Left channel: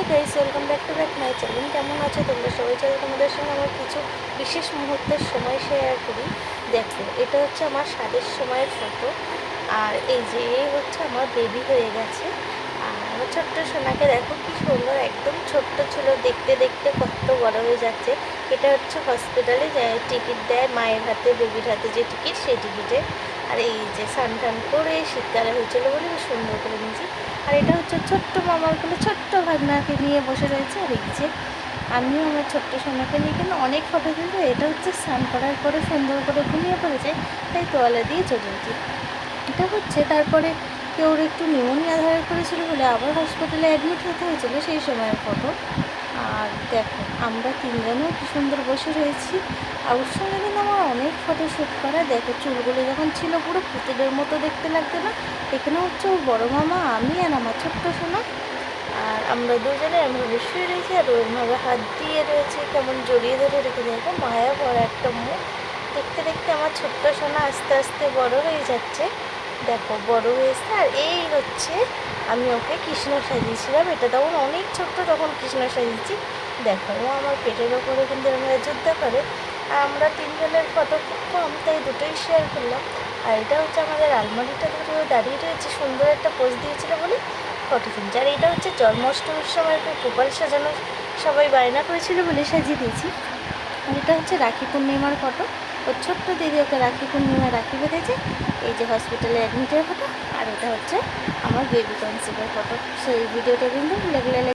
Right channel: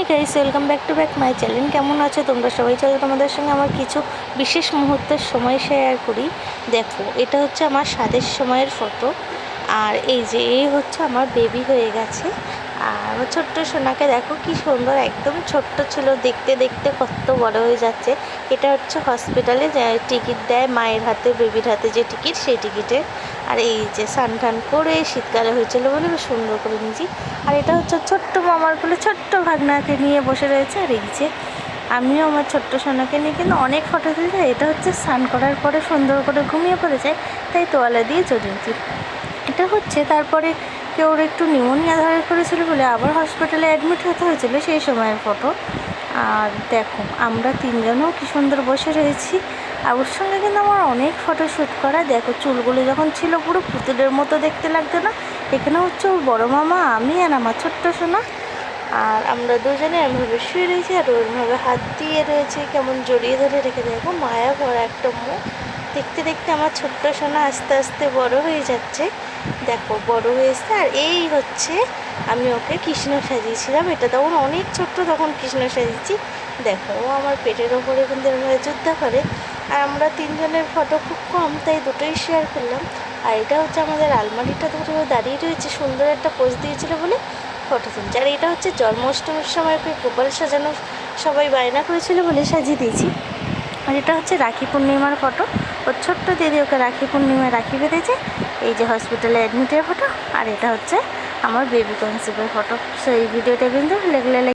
Hey guys welcome back to back my channel কেমন আছো তোমরা সবাই? চলো তোমাদের সঙ্গে আমার কিছু বিশেষ মুহূর্তের সময় শেয়ার করি। দেখো, এটা হচ্ছে আমার স্বাদের সময়ের ফটো আর এই যে, এই হচ্ছে আমার বেবি হয়ে গেছে। আর ছোট্ট সোনাকে দেখো কি সুন্দর, একদম ছোট্ট ছিল। দেখতে দেখতে কত বড় হয়ে যাচ্ছে। এটা হচ্ছে হসপিটালে টিকিট দেয় মায়ের হাতে বেবির হাতে যে টিকিট সেই টিকিটে আর এই যে স্নান টান করে শীতকালে হয়েছিল বলে সুন্দর করে নিয়েছি আর এটা হচ্ছে ছোট্ট মামার কোলে ছোট্ট ভাগনাকে নিয়ে বসে রয়েছে। আর এই যে আমিও আমার ছোট্ট সোনাকে নিয়ে কিন্তু অনেক ফটো তুলছি এটা হচ্ছে স্নান করার পরে সুন্দর করে ঘুমিয়ে পড়েছে, তাই তোয়ালা দিয়ে চলে এটা হচ্ছে তারপরে কেউ ওর একটু নিউমোনিয়া ধরে করেছিল বলে আবার হসপিটালে অ্যাডমিট হতে হয়েছিল সেই সময়ের ফটো আর দেখো, আমরা তিনজনও কি সুন্দর বসে রয়েছি। আর ওর সঙ্গে কিন্তু আমার অনেক ফটো শ্যুট করা। দেখো, চুলগুলো যখন ছিল পুরো পুতুলের মতো দেখতে লাগতো না। এখানে হচ্ছে ওর বড় মামা, আমি আর আমার ছোট্ট সোনা। আর আমরা দুজনে এমভাবে শুয়ে রয়েছি আর ওইভাবে হাত দিয়ে রয়েছে, কেমন জড়িয়ে ধরে রেখে দেখো মায়া ভরা একটা মুখ। দেখতে দেখতে আমার ছোট্ট সোনা আস্তে আস্তে বড় হয়ে যাচ্ছে। দেখো, বড় হয়েছে আর এই হচ্ছে আমি ওকে কৃষ্ণ সাজিয়েছিলাম। এটা তখন অনেক ছোট্ট তখন কৃষ্ণ সাজিয়েছি। দেখো, ও আমার পেটের ওপরে কিন্তু এরকম যুদ্ধ করে। আর আমরা তিনজনের ফটো খুব কম, তাই দুটোই শেয়ার করলাম। আর এটা হচ্ছে আমাদের আলমারিটা ধরে ও দাঁড়িয়ে রয়েছে, সুন্দর একটা পোজ দিয়েছিল বলে ফটো তুলছি। আর এটা হচ্ছে জন্মাষ্টমীর সময় গোপাল সাজানো সবাই বায়না করেছিল বলে সাজিয়ে দিয়েছি। আর এটা হচ্ছে রাখি পূর্ণিমার ফটো। ওর ছোট্ট দিদি ওকে রাখি পূর্ণিমায় রাখি বেঁধেছে। এই যে হসপিটালে অ্যাডমিটের ফটো আর এটা হচ্ছে আমার বেবি কনসেপ্টের ফটো সেই ভিডিওটা কিন্তু লেগলে